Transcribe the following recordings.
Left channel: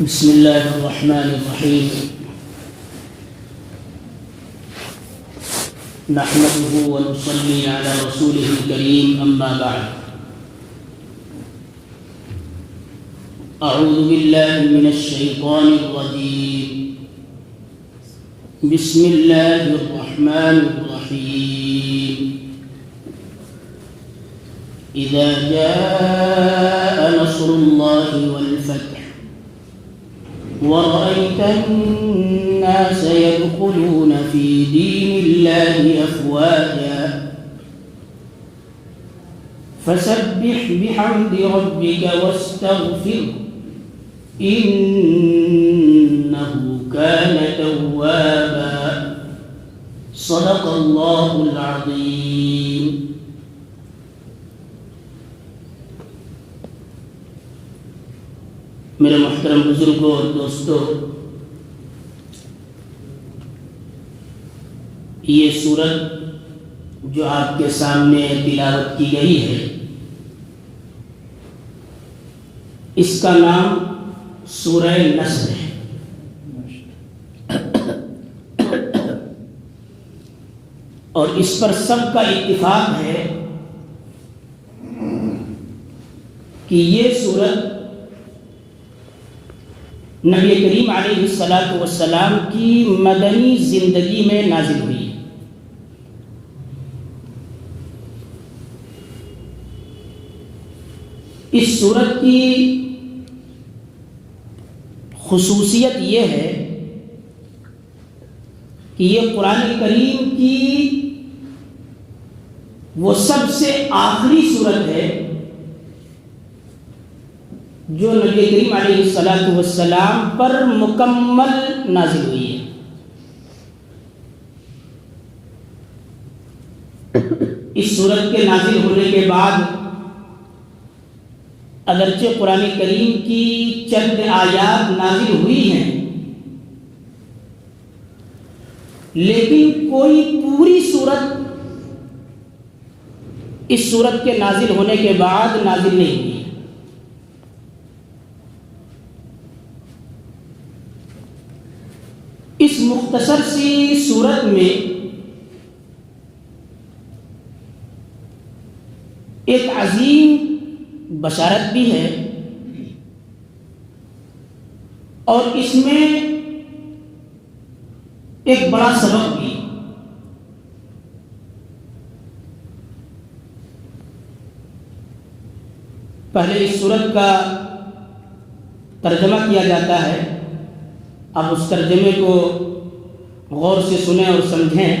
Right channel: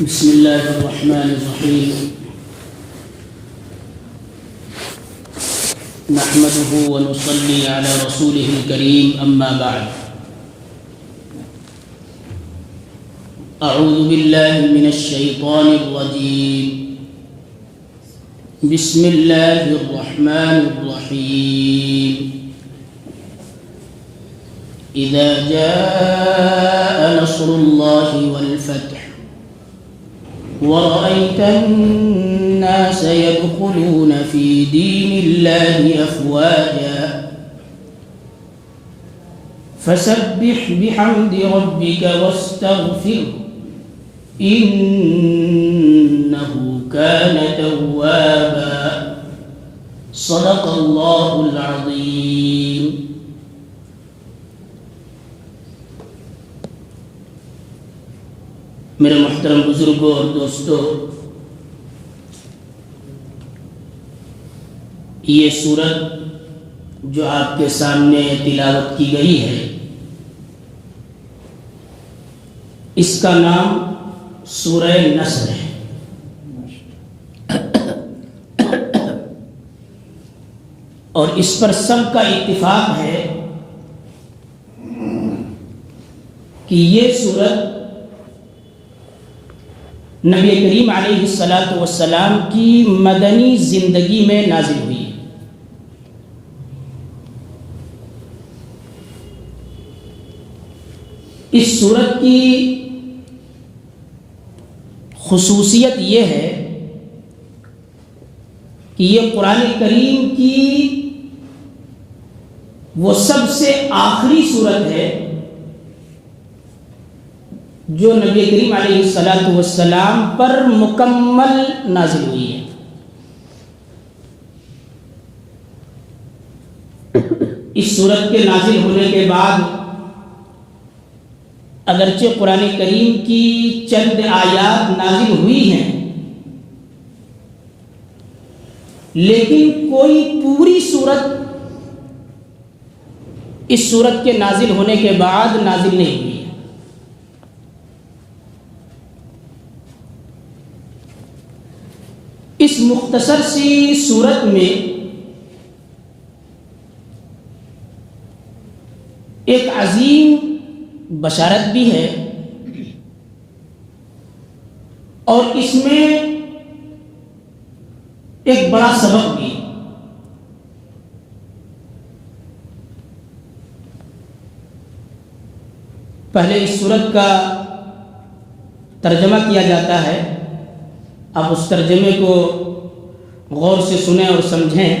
بسم الله الرحمن الرحيم نحمده ونصلي على رسوله الكريم أما بعد أعوذ بالله من الشيطان الرجيم بسم الله الرحمن الرحيم إذا جاء نصر الله والفتح ورأيت الناس يدخلون في دين الله أفواجا فسبح بحمد ربك واستغفره إنه كان توابا صدق الله العظيم. میرے محترم بزرگوں اور دوستوں، یہ سورت جو آپ کے سامنے تلاوت کی گئی ہے، اس کا نام سورہ نصر ہے۔ اور اس پر سب کا اتفاق ہے کہ یہ سورت نبی کریم علیہ السلام کی مدنی زندگی میں نازل ہوئی۔ اس سورت کی خصوصیت یہ ہے کہ یہ قرآن کریم کی وہ سب سے آخری سورت ہے جو نبی کریم علیہ السلام پر مکمل نازل ہوئی ہے۔ اس سورت کے نازل ہونے کے بعد اگرچہ قرآن کریم کی چند آیات نازل ہوئی ہیں، لیکن کوئی پوری سورت اس سورت کے نازل ہونے کے بعد نازل نہیں ہوئی ہے۔ اس مختصر سی سورت میں ایک عظیم بشارت بھی ہے، اور اس میں ایک بڑا سبق بھی۔ پہلے اس سورت کا ترجمہ کیا جاتا ہے، اب اس ترجمے کو غور سے سنیں اور سمجھیں۔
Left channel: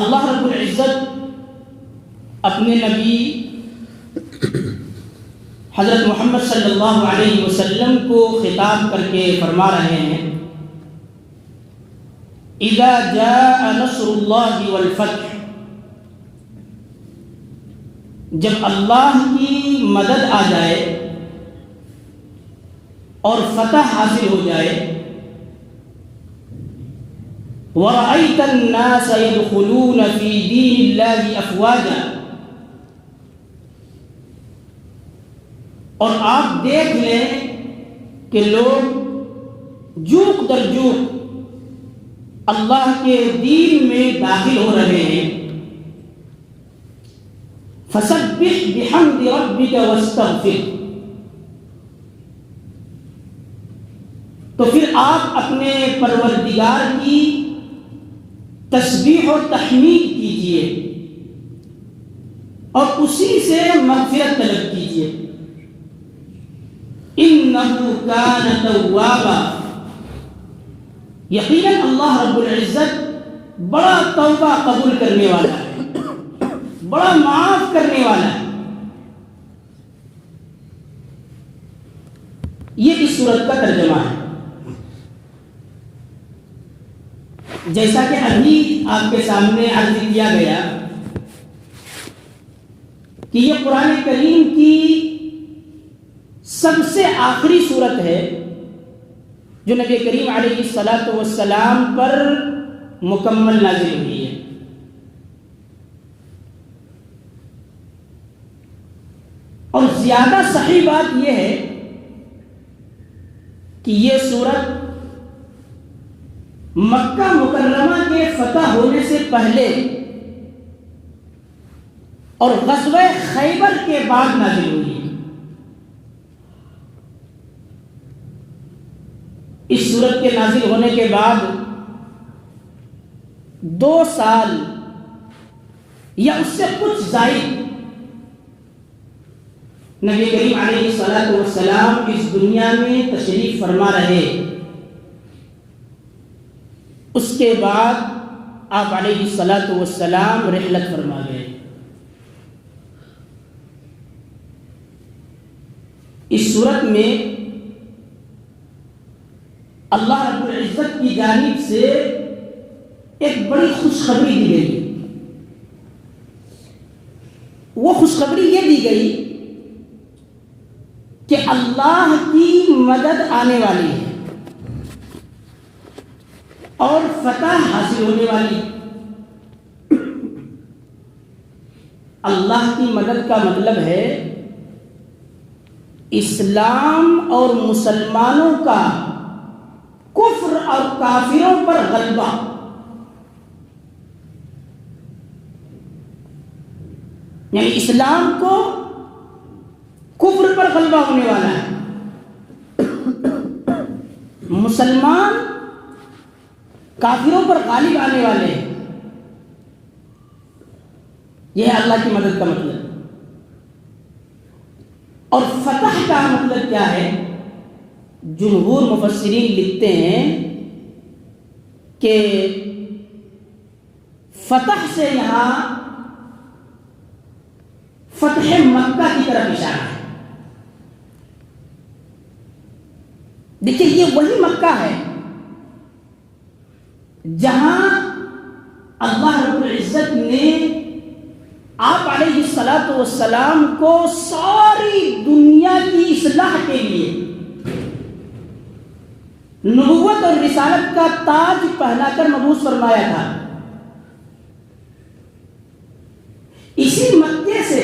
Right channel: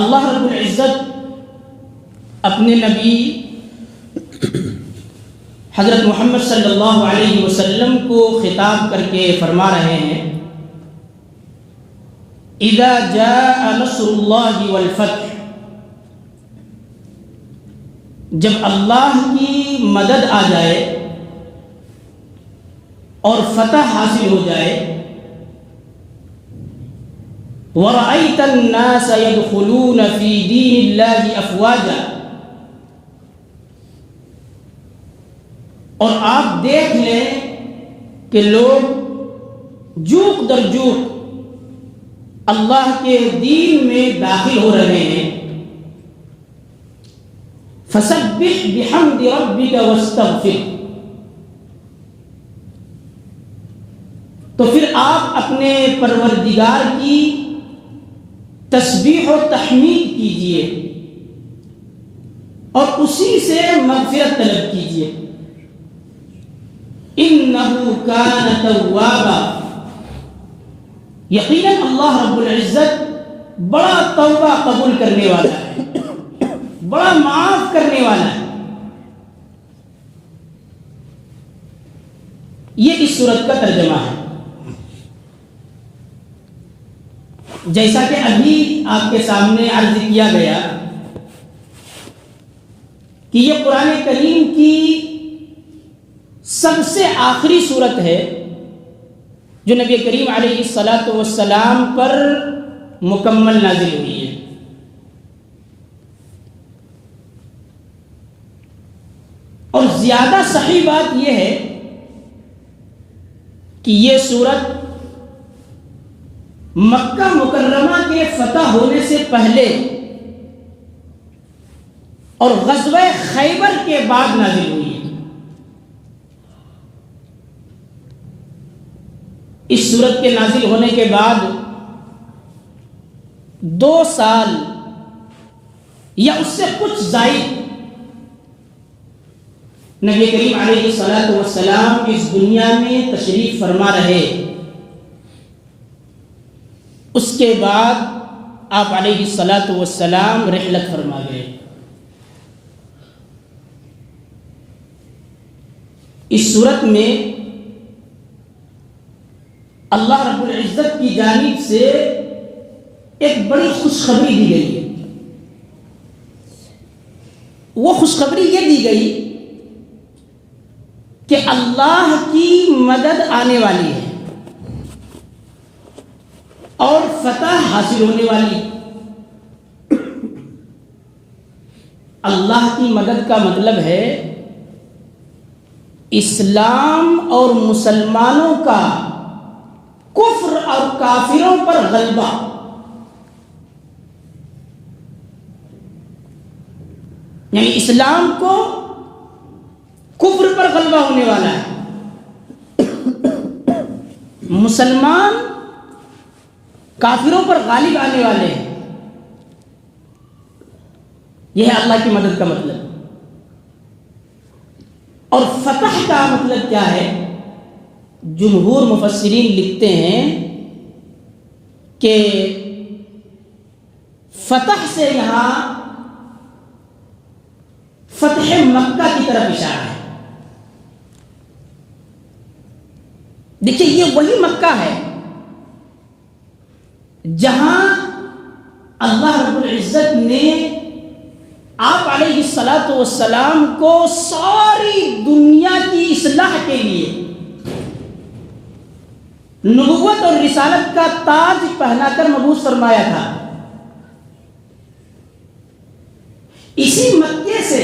اللہ رب العزت اپنے نبی حضرت محمد صلی اللہ علیہ وسلم کو خطاب کر کے فرما رہے ہیں، اذا جاء نصر اللہ والفتح، جب اللہ کی مدد آ جائے اور فتح حاصل ہو جائے، وَرَأَيْتَ النَّاسَ يَدْخُلُونَ فِي دِينِ اللَّهِ أَفْوَاجًا، اور آپ دیکھ لیں کہ لوگ جوق در جوق اللہ کے دین میں داخل ہو رہے ہیں۔ فَسَبِّحْ بِحَمْدِ رَبِّكَ وَاسْتَغْفِرْ، تو پھر آپ اپنے پروردگار کی تسبیح و تحمید کیجئے اور اسی سے مغفرت طلب کیجئے۔ اِنَّهُ كَانَ تَوَّابًا، یقیناً اللہ رب العزت بڑا توبہ قبول کرنے والا ہے، بڑا معاف کرنے والا ہے۔ یہ اس سورت کا ترجمہ ہے۔ جیسا کہ ابھی آپ کے سامنے عرض کیا گیا کہ یہ قرآن کریم کی سب سے آخری سورت ہے جو نبی کریم علیہ السلام پر مکمل نازل ہوئی ہے۔ اور زیادہ صحیح بات یہ ہے کہ یہ سورت مکہ مکرمہ کے فتح ہونے سے پہلے اور غزوہ خیبر کے بعد نازل ہوئی ہے۔ اس سورت کے نازل ہونے کے بعد 2 سال یا اس سے کچھ زائد نبی کریم علیہ الصلوۃ والسلام اس دنیا میں تشریف فرما رہے۔ اس کے بعد آپ علیہ الصلوۃ والسلام رحلت فرما گئے۔ اس صورت میں اللہ رب العزت کی جانب سے ایک بڑی خوشخبری دی گئی۔ وہ خوشخبری یہ دی گئی کہ اللہ کی مدد آنے والی ہے اور فتح حاصل ہونے والی۔ اللہ کی مدد کا مطلب ہے اسلام اور مسلمانوں کا کفر اور کافروں پر غلبہ۔ یعنی اسلام کو کفر پر غلبہ ہونے والا ہے، مسلمان کافروں پر غالب آنے والے ہیں۔ یہ ہے اللہ کی مدد کا مطلب۔ اور فتح کا مطلب کیا ہے؟ جمہور مفسرین لکھتے ہیں کہ فتح سے یہاں فتح مکہ کی طرف اشارہ ہے۔ دیکھیے یہ وہی مکہ ہے جہاں اللہ رب العزت نے آپ علیہ الصلوۃ والسلام کو ساری دنیا کی اصلاح کے لیے نبوت اور رسالت کا تاج پہنا کر مبعوث فرمایا تھا۔ اسی مکے سے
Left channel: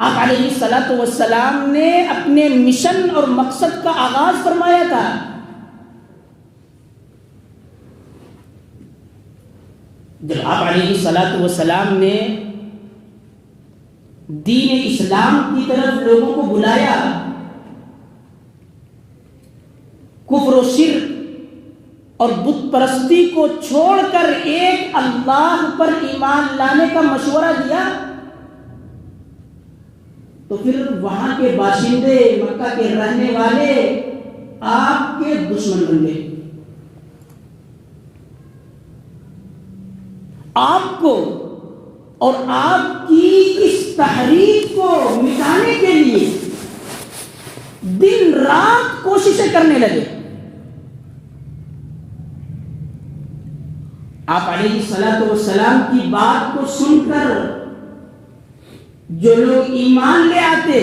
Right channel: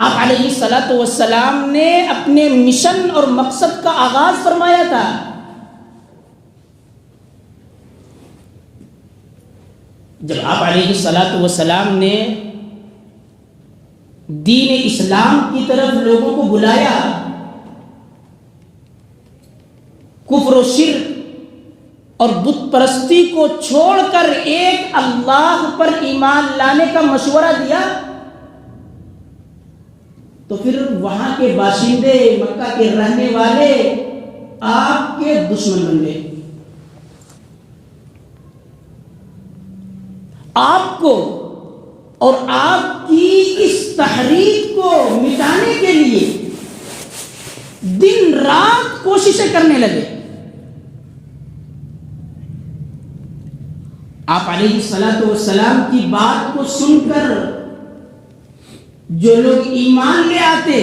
آپ علیہ الصلوۃ والسلام نے اپنے مشن اور مقصد کا آغاز فرمایا تھا۔ جب آپ علیہ الصلوۃ والسلام نے دین اسلام کی طرف لوگوں کو بلایا، کفر و شرک اور بت پرستی کو چھوڑ کر ایک اللہ پر ایمان لانے کا مشورہ دیا، تو پھر وہاں کے باشندے، مکہ کے رہنے والے آپ کے دشمن بن گئے۔ آپ کو اور آپ کی اس تحریک کو مٹانے کے لیے دن رات کوششیں کرنے لگے۔ آپ علیہ الصلوۃ والسلام کی بات کو سن کر جو لوگ ایمان لے آتے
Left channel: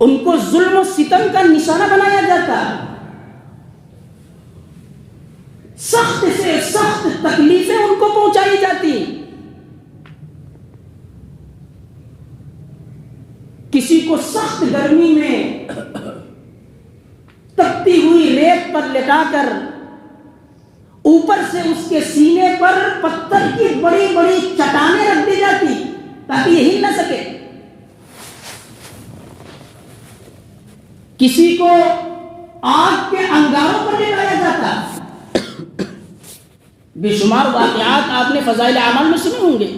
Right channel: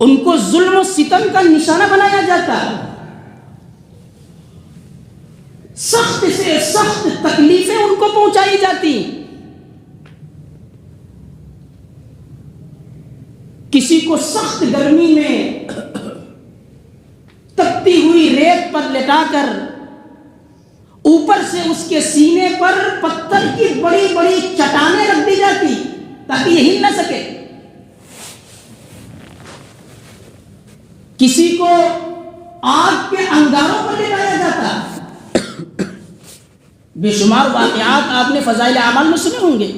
ان کو ظلم و ستم کا نشانہ بنایا جاتا، سخت سے سخت تکلیفیں ان کو پہنچائی جاتی۔ کسی کو سخت گرمی میں تپتی ہوئی ریت پر لٹا کر اوپر سے اس کے سینے پر پتھر کی بڑی بڑی چٹانیں رکھ دی جاتی تاکہ یہ ہل نہ سکے۔ کسی کو آگ کے انگاروں پر لے جایا جاتا۔ بے شمار واقعات آپ نے فضائل اعمال میں سنے ہوں گے۔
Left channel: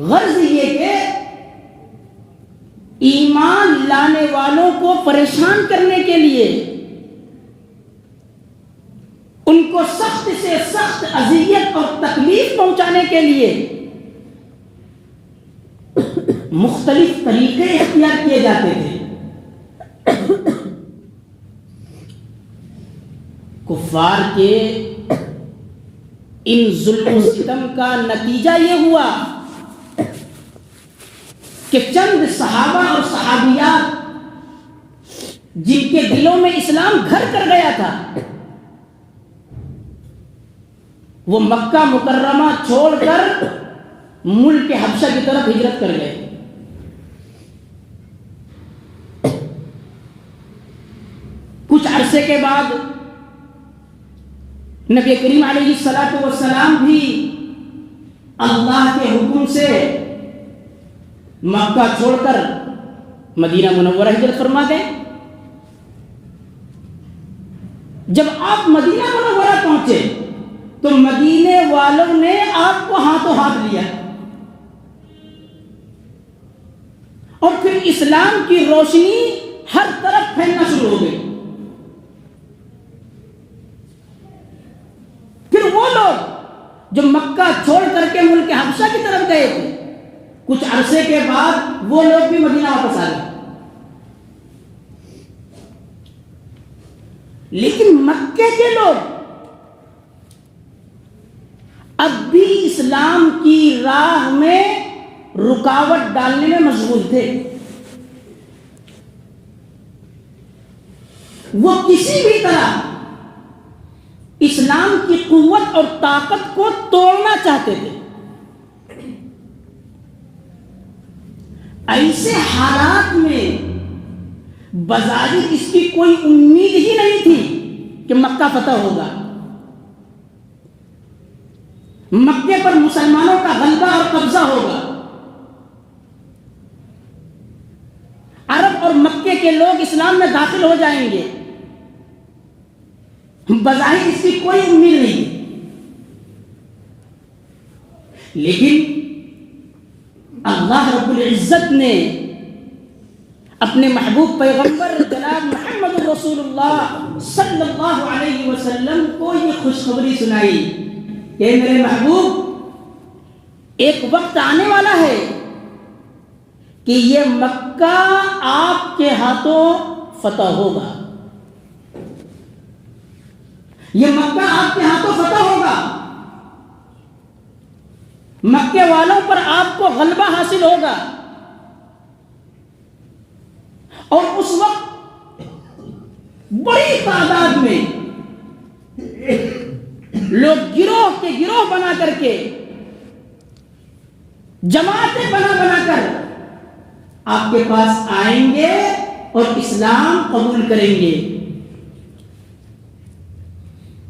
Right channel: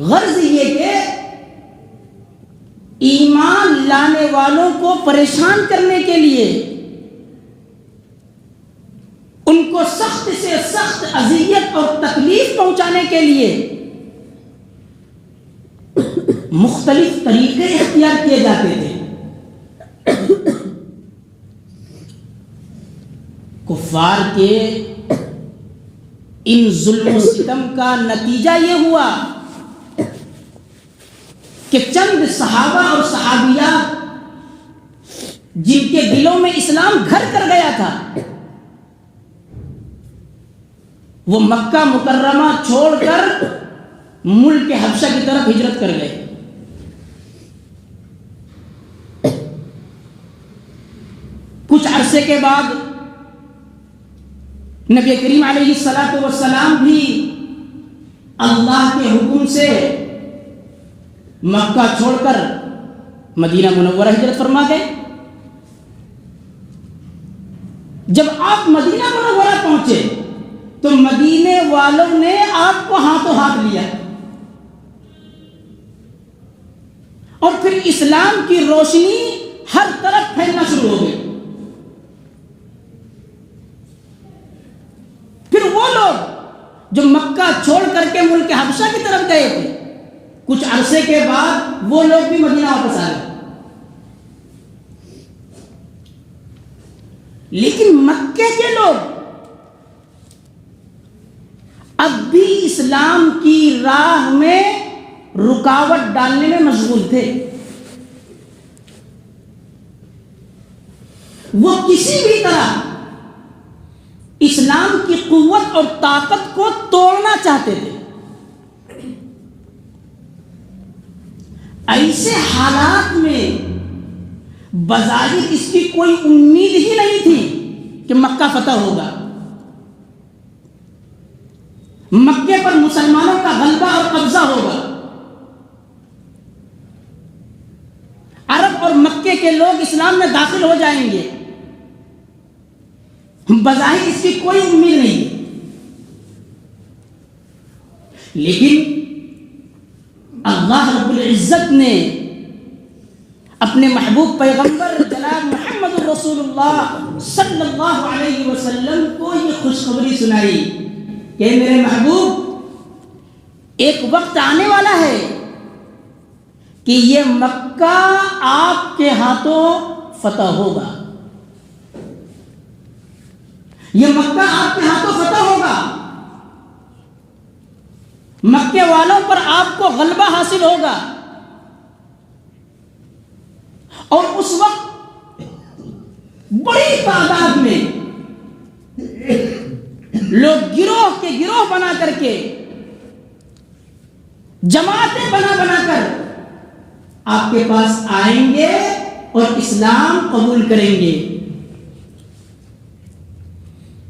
غرض یہ کہ ایمان لانے والوں کو پریشان کرنے کے لیے، ان کو سخت سے سخت اذیت اور تکلیف پہنچانے کے لیے مختلف طریقے اختیار کیے جاتے تھے۔ کفار کے ان ظلم و ستم کا نتیجہ یہ ہوا کہ چند صحابہ اور صحابیات جن کے دلوں میں اسلام گھر کر گیا تھا، وہ مکہ مکرمہ چھوڑ کر ملک حبشہ کی طرف ہجرت کر گئے۔ عرصے کے بعد نبی کریم علیہ الصلوۃ والسلام بھی اللہ کے حکم سے مکہ چھوڑ کر مدینہ منورہ ہجرت فرما گئے. جب آپ مدینہ منورہ پہنچے تو مدینے والوں نے آپ کو ہاتھوں ہاتھ لیا اور پھر اسلام کی روشنی ہر طرف پھیلنا شروع ہو گئی. پھر وہ لوگ جو مکہ چھوڑ کر کے ملک حبشہ کی طرف گئے تھے، کچھ عرصے کے بعد وہ لوگ بھی مدینہ واپس آ گئے. لیکن مکے کے لوگ اب بھی اسلام کی راہ میں رکاوٹ ڈالنے میں مشغول تھے. وہ کسی بھی طرح اسلام کی قوت اور طاقت کو توڑنا چاہتے تھے. ایسے حالات میں بظاہر اس کی کوئی امید ہی نہیں تھی کہ مکہ فتح ہوگا، مکے پر مسلمانوں کا غلبہ اور قبضہ ہوگا، عرب اور مکے کے لوگ اسلام میں داخل ہو جائیں گے. بظاہر اس کی کوئی امید نہیں. لیکن اللہ رب العزت نے اپنے محبوب پیغمبر جناب محمد رسول اللہ صلی اللہ علیہ وسلم کو یہ خوشخبری سنائی کہ میرے محبوب، ایک وقت آنے والا ہے کہ یہ مکہ آپ کے ہاتھوں فتح ہوگا. یہ مکہ آپ کے ہاتھوں فتح ہوگا، مکے والوں پر آپ کو غلبہ حاصل ہوگا. اور اس وقت بڑی تعداد میں لوگ گروہ کے گروہ بنا کر کے، جماعتیں بنا کر آپ کے پاس آئیں گے اور اسلام قبول کریں گے.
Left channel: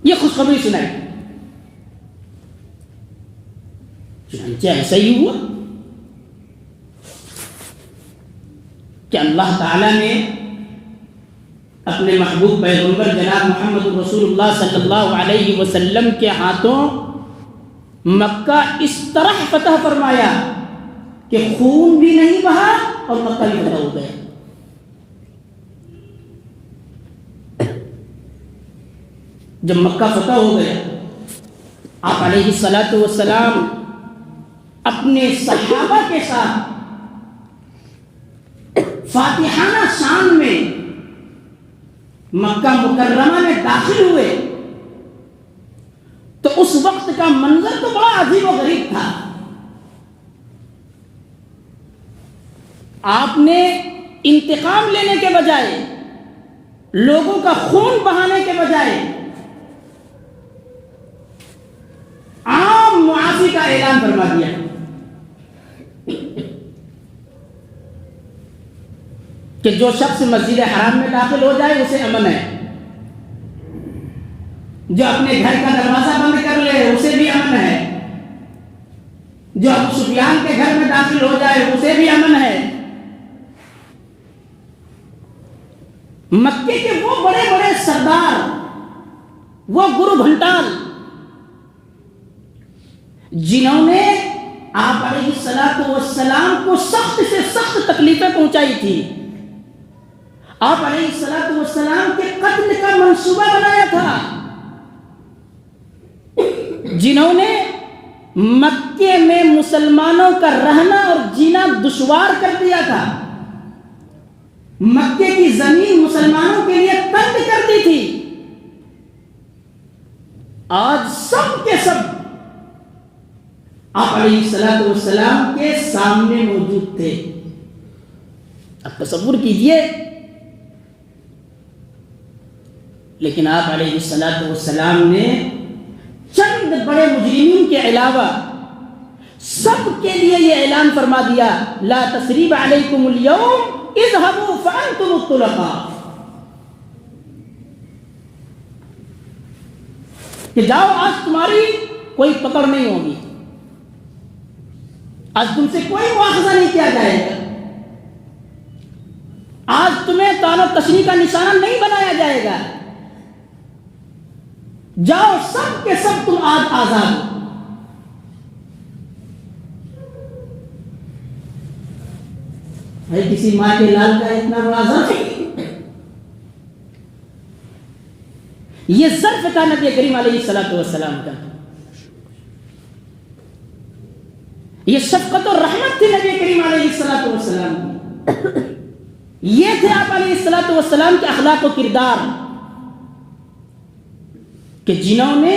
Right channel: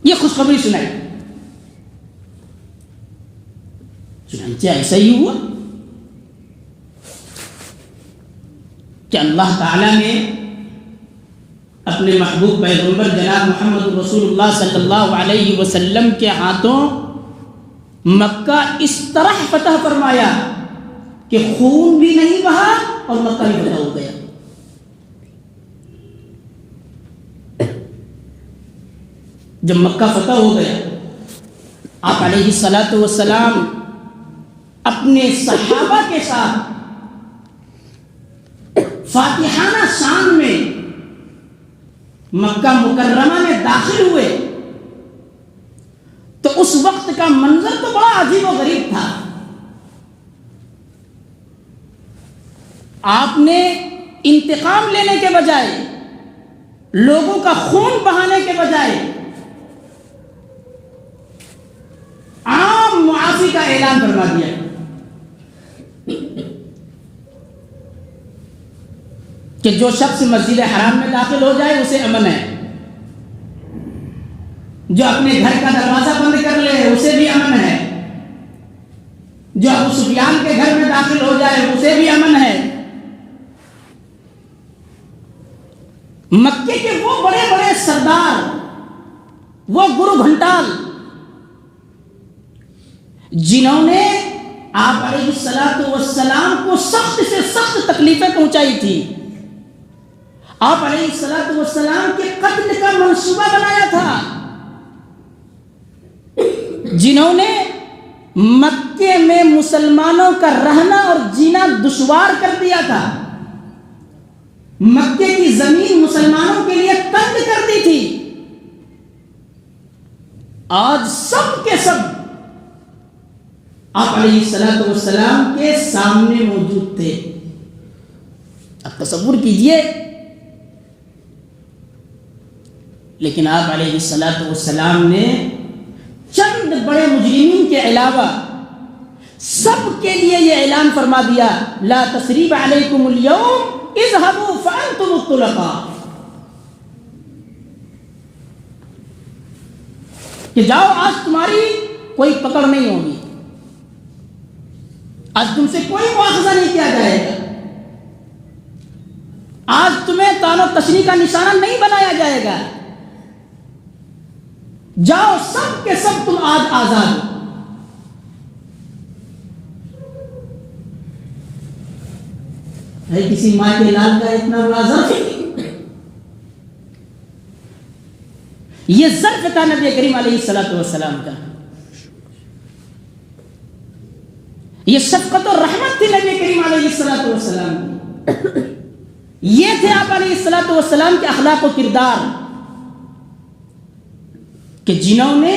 یہ خوشخبری سنائی. چنانچہ ایسا ہی ہوا کہ اللہ تعالی نے اپنے محبوب پیغمبر جناب محمد رسول اللہ صلی اللہ علیہ وسلم کے ہاتھوں مکہ اس طرح فتح فرمایا کہ خون بھی نہیں بہا اور مکہ بھی فتح ہو گیا. جب مکہ فتح ہو گیا، آپ علیہ الصلوۃ والسلام اپنے صحابہ کے ساتھ فاتحانہ شان میں مکہ مکرمہ میں داخل ہوئے تو اس وقت کا منظر تو بڑا عجیب و غریب تھا. آپ نے انتقام لینے کے بجائے، لوگوں کا خون بہانے کے بجائے عام معافی کا اعلان فرما دیا کہ جو شخص مسجد حرام میں داخل ہو جائے اسے امن ہے، جو اپنے گھر کا دروازہ بند کر لے اسے بھی امن ہے، جو ابو سفیان کے گھر میں داخل ہو جائے اسے بھی امن ہے. مکے کے وہ بڑے بڑے سردار، وہ گرو گھنٹال جنہوں نے آپ علیہ الصلوۃ والسلام کو سخت سے سخت تکلیفیں پہنچائی تھی، آپ علیہ الصلوۃ والسلام کے قتل کا منصوبہ بنایا تھا، جنہوں نے مکے میں مسلمانوں کا رہنا اور جینا دشوار کر دیا تھا، مکے کی زمین مسلمانوں کے لیے تنگ کر دی تھی، آج سب کے سب آپ علیہ الصلوۃ والسلام کے سامنے موجود تھے. اب تصور کیجئے، لیکن آپ علیہ الصلوۃ والسلام نے چند بڑے مجرمین کے علاوہ سب کے لیے یہ اعلان فرما دیا، لا تثریب علیکم اليوم اذهبوا فانتم الطلقاء. کہ جاؤ آج تمہاری کوئی پکڑ نہیں ہوگی، آج تم سے کوئی مواخذہ نہیں کیا جائے گا، آج تمہیں طعن و تشنیع کا نشانہ نہیں بنایا جائے گا، جاؤ سب کے سب تم آج آزاد ہو۔ بھائی کسی ماں کے لال کا اتنا واضح یہ ظرف تھا نبی کریم علیہ السلام کا، یہ شفقت اور رحمت تھی نبی کریم علیہ السلام کی، یہ تھے آپ علیہ السلام کے اخلاق و کردار کہ جنہوں نے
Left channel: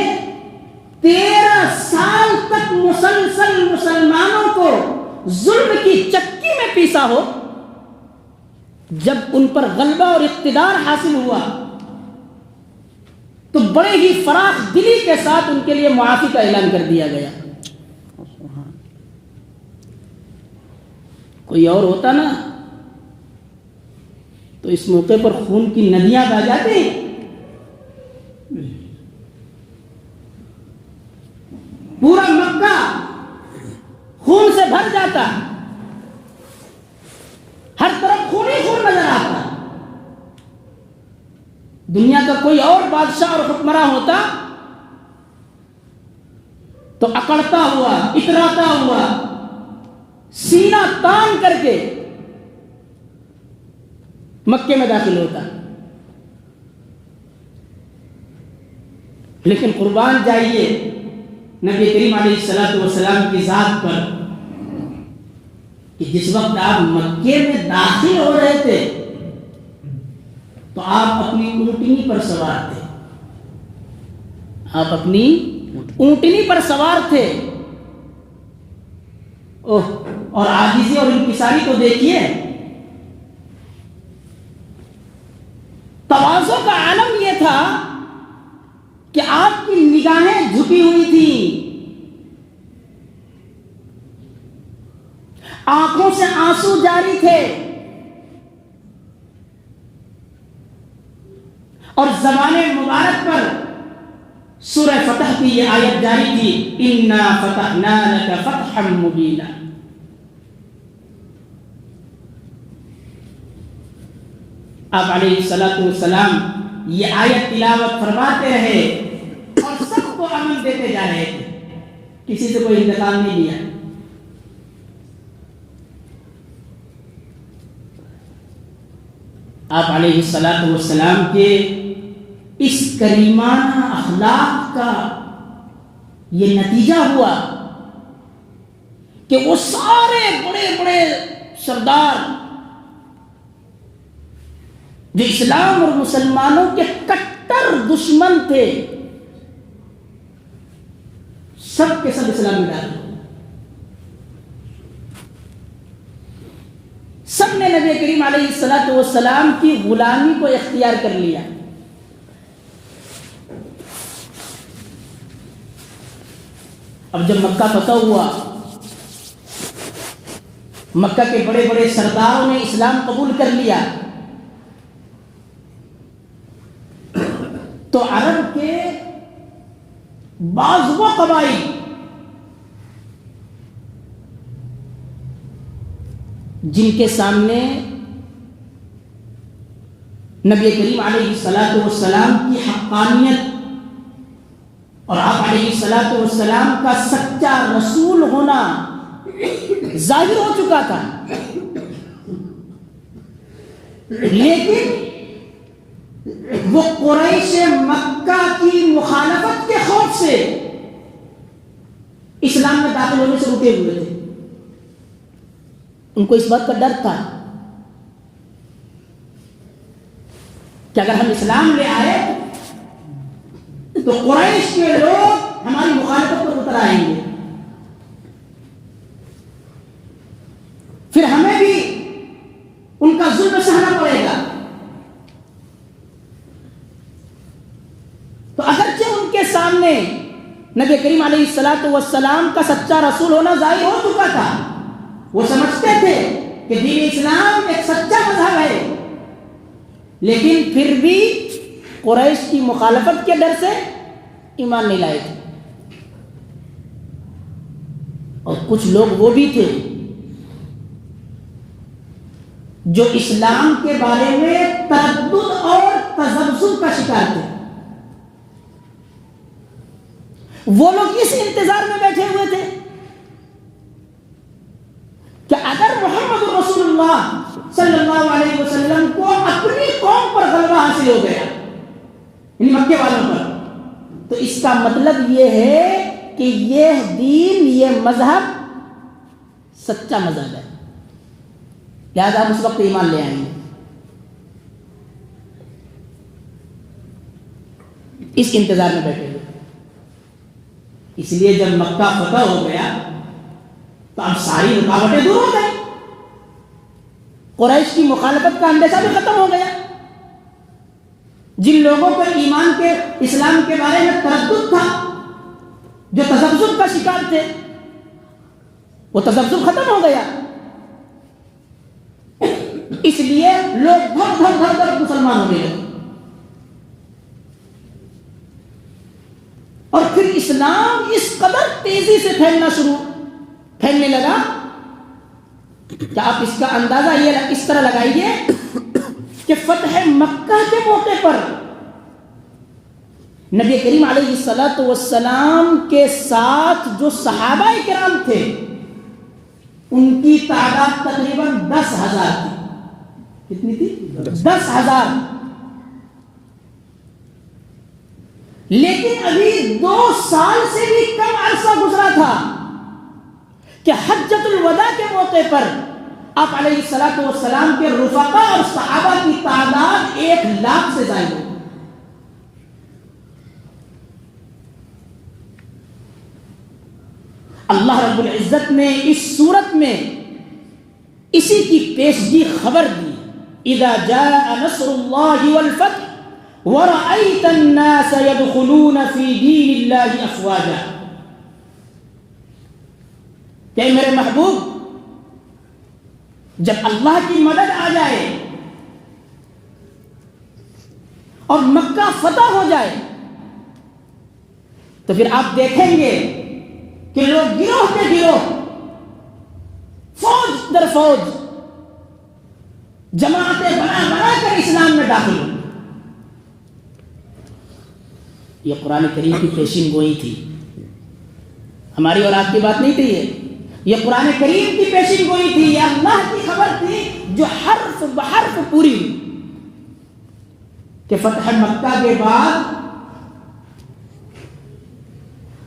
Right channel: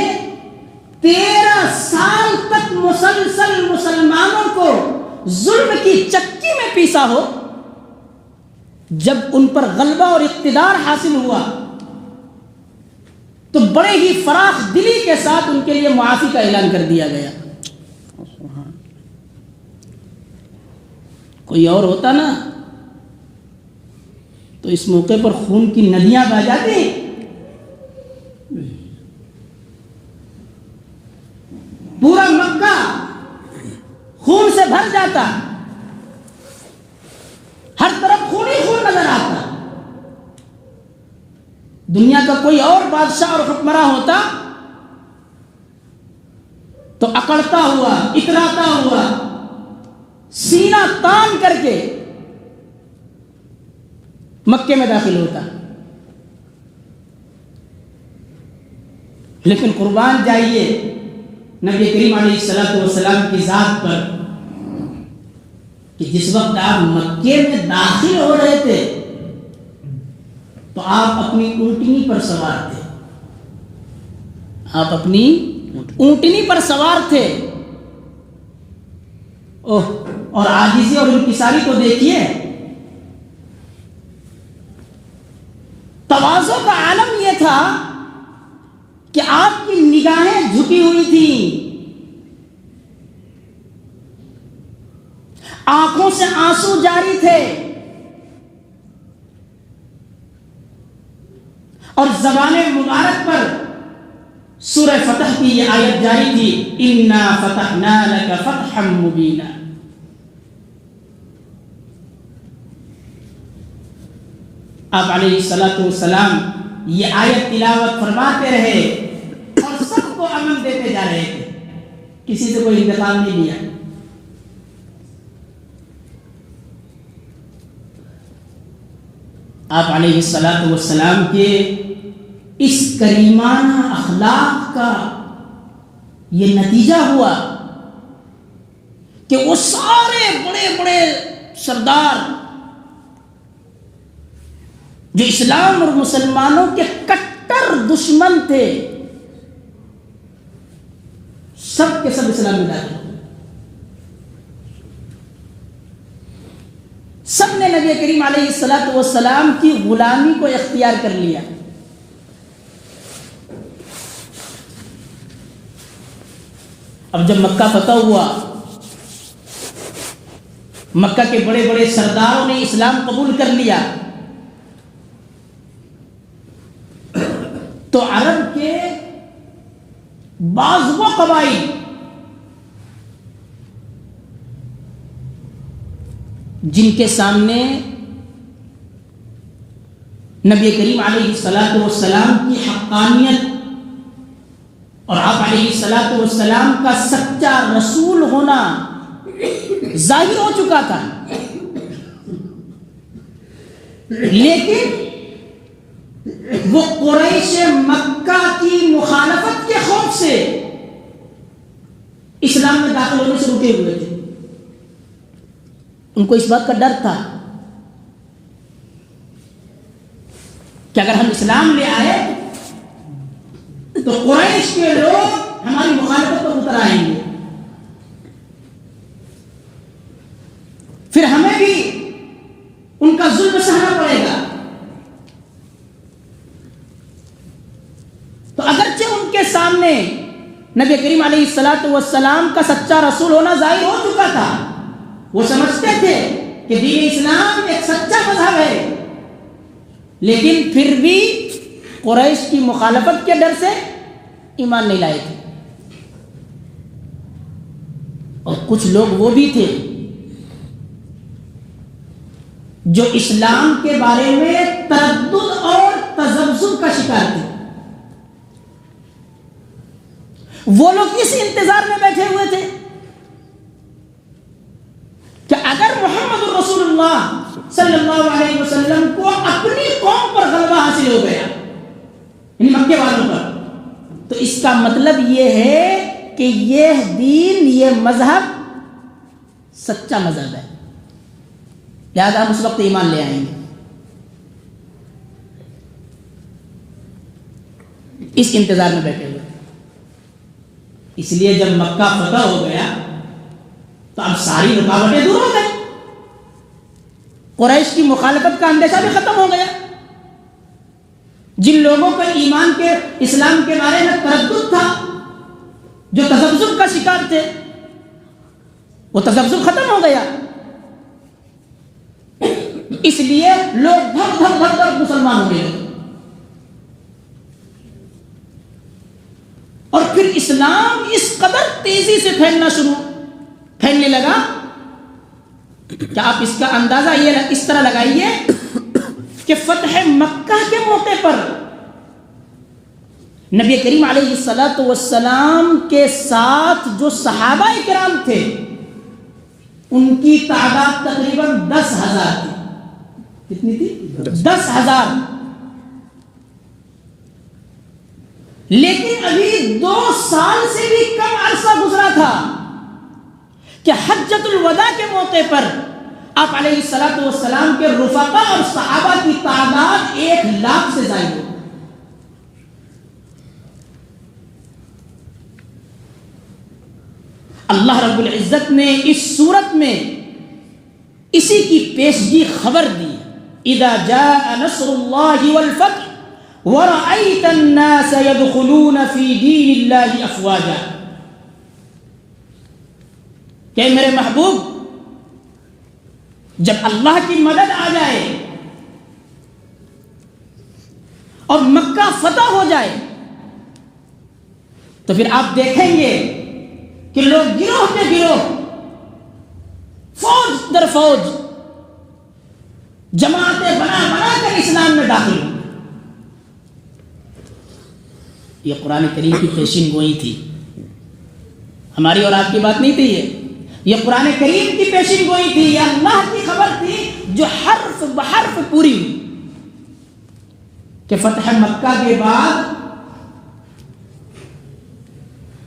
13 سال تک مسلسل مسلمانوں کو ظلم کی چکی میں پیسا ہو، جب ان پر غلبہ اور اقتدار حاصل ہوا تو بڑے ہی فراخ دلی کے ساتھ ان کے لیے معافی کا اعلان کر دیا گیا۔ کوئی اور ہوتا نا تو اس موقع پر خون کی ندیاں بہہ جاتی، پورا مکہ خون سے بھر جاتا، ہر طرف خون ہی خون نظر آتا۔ دنیا کا کوئی اور بادشاہ اور حکمراں ہوتا تو اکڑتا ہوا، اتراتا ہوا، سینہ تان کر کے مکے میں داخل ہوتا، لیکن قربان جائیے نبی کریم علیہ السلام کی ذات پر کہ جس وقت آپ مکے میں داخل ہو رہے تھے تو آپ اپنی اونٹنی پر سوار تھے، آپ اپنی اونٹنی پر سوار تھے، اور عاجزی اور انکساری تو دیکھیے، تواضع کا عالم یہ تھا کہ آپ کی نگاہیں جھکی ہوئی تھی، آنکھوں سے آنسو جاری تھے، اور زبان مبارک پر سورہ فتح کی یہ آیت جاری تھی، اِنَّا فَتَحْنَا لَكَ فَتْحًا مُبِينًا۔ آپ علیہ السلام یہ آیت تلاوت فرماتے رہے اور سب کو امن دیتے جا رہے تھے، کسی سے کوئی انتقام نہیں لیا۔ آپ علیہ السلام کے اس کریمانہ اخلاق کا یہ نتیجہ ہوا کہ وہ سارے بڑے بڑے سردار جو اسلام اور مسلمانوں کے کٹر دشمن تھے، سب کے سب اسلام میں داخل ہوئے، سب نے نبی کریم علیہ السلام کی غلامی کو اختیار کر لیا۔ اب جب مکہ فتح ہوا، مکہ کے بڑے بڑے سرداروں نے اسلام قبول کر لیا، تو عرب کے بعض وہ قبائل جن کے سامنے نبی کریم علیہ السلام کی حقانیت اور آپ علیہ السلام کا سچا رسول ہونا ظاہر ہو چکا تھا، لیکن وہ قریش مکہ کی مخالفت کے خوف سے اسلام میں داخل ہونے سے رکے ہوئے تھے۔ ان کو اس بات کا ڈر تھا کہ اگر ہم اسلام لے آئے تو قریش کے لوگ ہماری مخالفت پر اتر آئیں گے، پھر ہمیں بھی ان کا ظلم سہنا پڑے گا۔ تو اگرچہ ان کے سامنے نبی کریم علیہ السلام کا سچا رسول ہونا ظاہر ہو چکا تھا، وہ سمجھتے تھے کہ دین اسلام ایک سچا مذہب ہے، لیکن پھر بھی قریش کی مخالفت کے ڈر سے ایمان نہیں لائے تھے، اور کچھ لوگ وہ بھی تھے جو اسلام کے بارے میں تردد اور تذبذب کا شکار تھے. وہ لوگ اس انتظار میں بیٹھے ہوئے تھے کہ اگر محمد رسول اللہ صلی اللہ علیہ وسلم کو اپنی قوم پر غلبہ حاصل ہو گیا، یعنی مکے والوں پر، تو اس کا مطلب یہ ہے کہ یہ دین، یہ مذہب سچا مذہب ہے، لہذا ہم اس وقت ایمان لے آئیں گے. اس انتظار میں بیٹھے ہوئے. اس لیے جب مکہ فتح ہو گیا تو اب ساری رکاوٹیں دور ہو گئی، قریش کی مخالفت کا اندیشہ بھی ختم ہو گیا. جن لوگوں پر ایمان کے، اسلام کے بارے میں تردد تھا، جو تذبذب کا شکار تھے، وہ تذبذب ختم ہو گیا. اس لیے لوگ دھڑ دھڑ دھڑ دھڑ مسلمان ہو گئے. اور پھر اسلام اس قدر تیزی سے پھیلنے لگا کہ آپ اس کا اندازہ یہ اس طرح لگائیے کہ فتح مکہ کے موقع پر نبی کریم علیہ الصلوۃ والسلام کے ساتھ جو صحابہ کرام تھے ان کی تعداد تقریباً 10,000 تھی. کتنی تھی؟ 10,000. لیکن ابھی 2 سال سے بھی کم عرصہ گزرا تھا کہ حجۃ الوداع کے موقع پر آپ علیہ الصلوۃ والسلام کے رفقا اور صحابہ کی تعداد 1,00,000 سے زائد ہو. اللہ رب العزت نے اس صورت میں اسی کی پیشگی خبر دی. اذا جاء نصر اللہ والفتح وَرَأَيْتَ النَّاسَ يَدْخُلُونَ فِي دِينِ اللَّهِ أَفْوَاجًا. کہ میرے محبوب، جب اللہ کی مدد آ جائے اور مکہ فتح ہو جائے تو پھر آپ دیکھیں گے کہ لوگ گروہ کے گروہ، فوج در فوج، جماعتیں بنا کر اسلام میں داخل. یہ قرآن کریم کی پیشین گوئی تھی، ہماری اور آپ کی بات نہیں تھی. یہ قرآن کریم کی پیشین گوئی تھی، یہ اللہ کی خبر تھی جو حرف بحرف پوری ہوئی کہ فتح مکہ کے بعد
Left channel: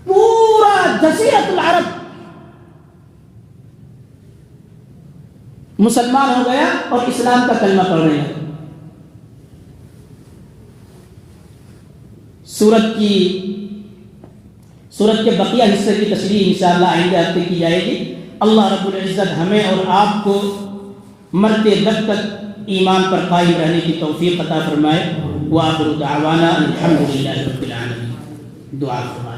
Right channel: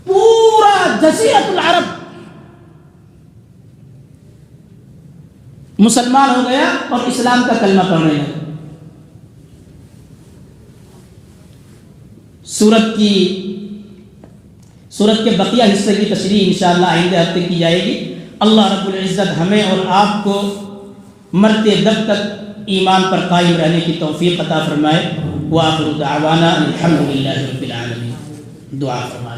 پورا جزیرۃ العرب مسلمان ہو گیا اور اسلام کا کلمہ پڑھ رہے ہیں. سورت کے بقیہ حصے کی تشریح انشاءاللہ آئندہ ہفتے کی جائے گی. اللہ رب العزت ہمیں اور آپ کو مرتے دب تک ایمان پر قائم رہنے کی توفیق عطا فرمائے. وآخر دعوانا الحمدللہ رب العالمین. دعا فرمائے.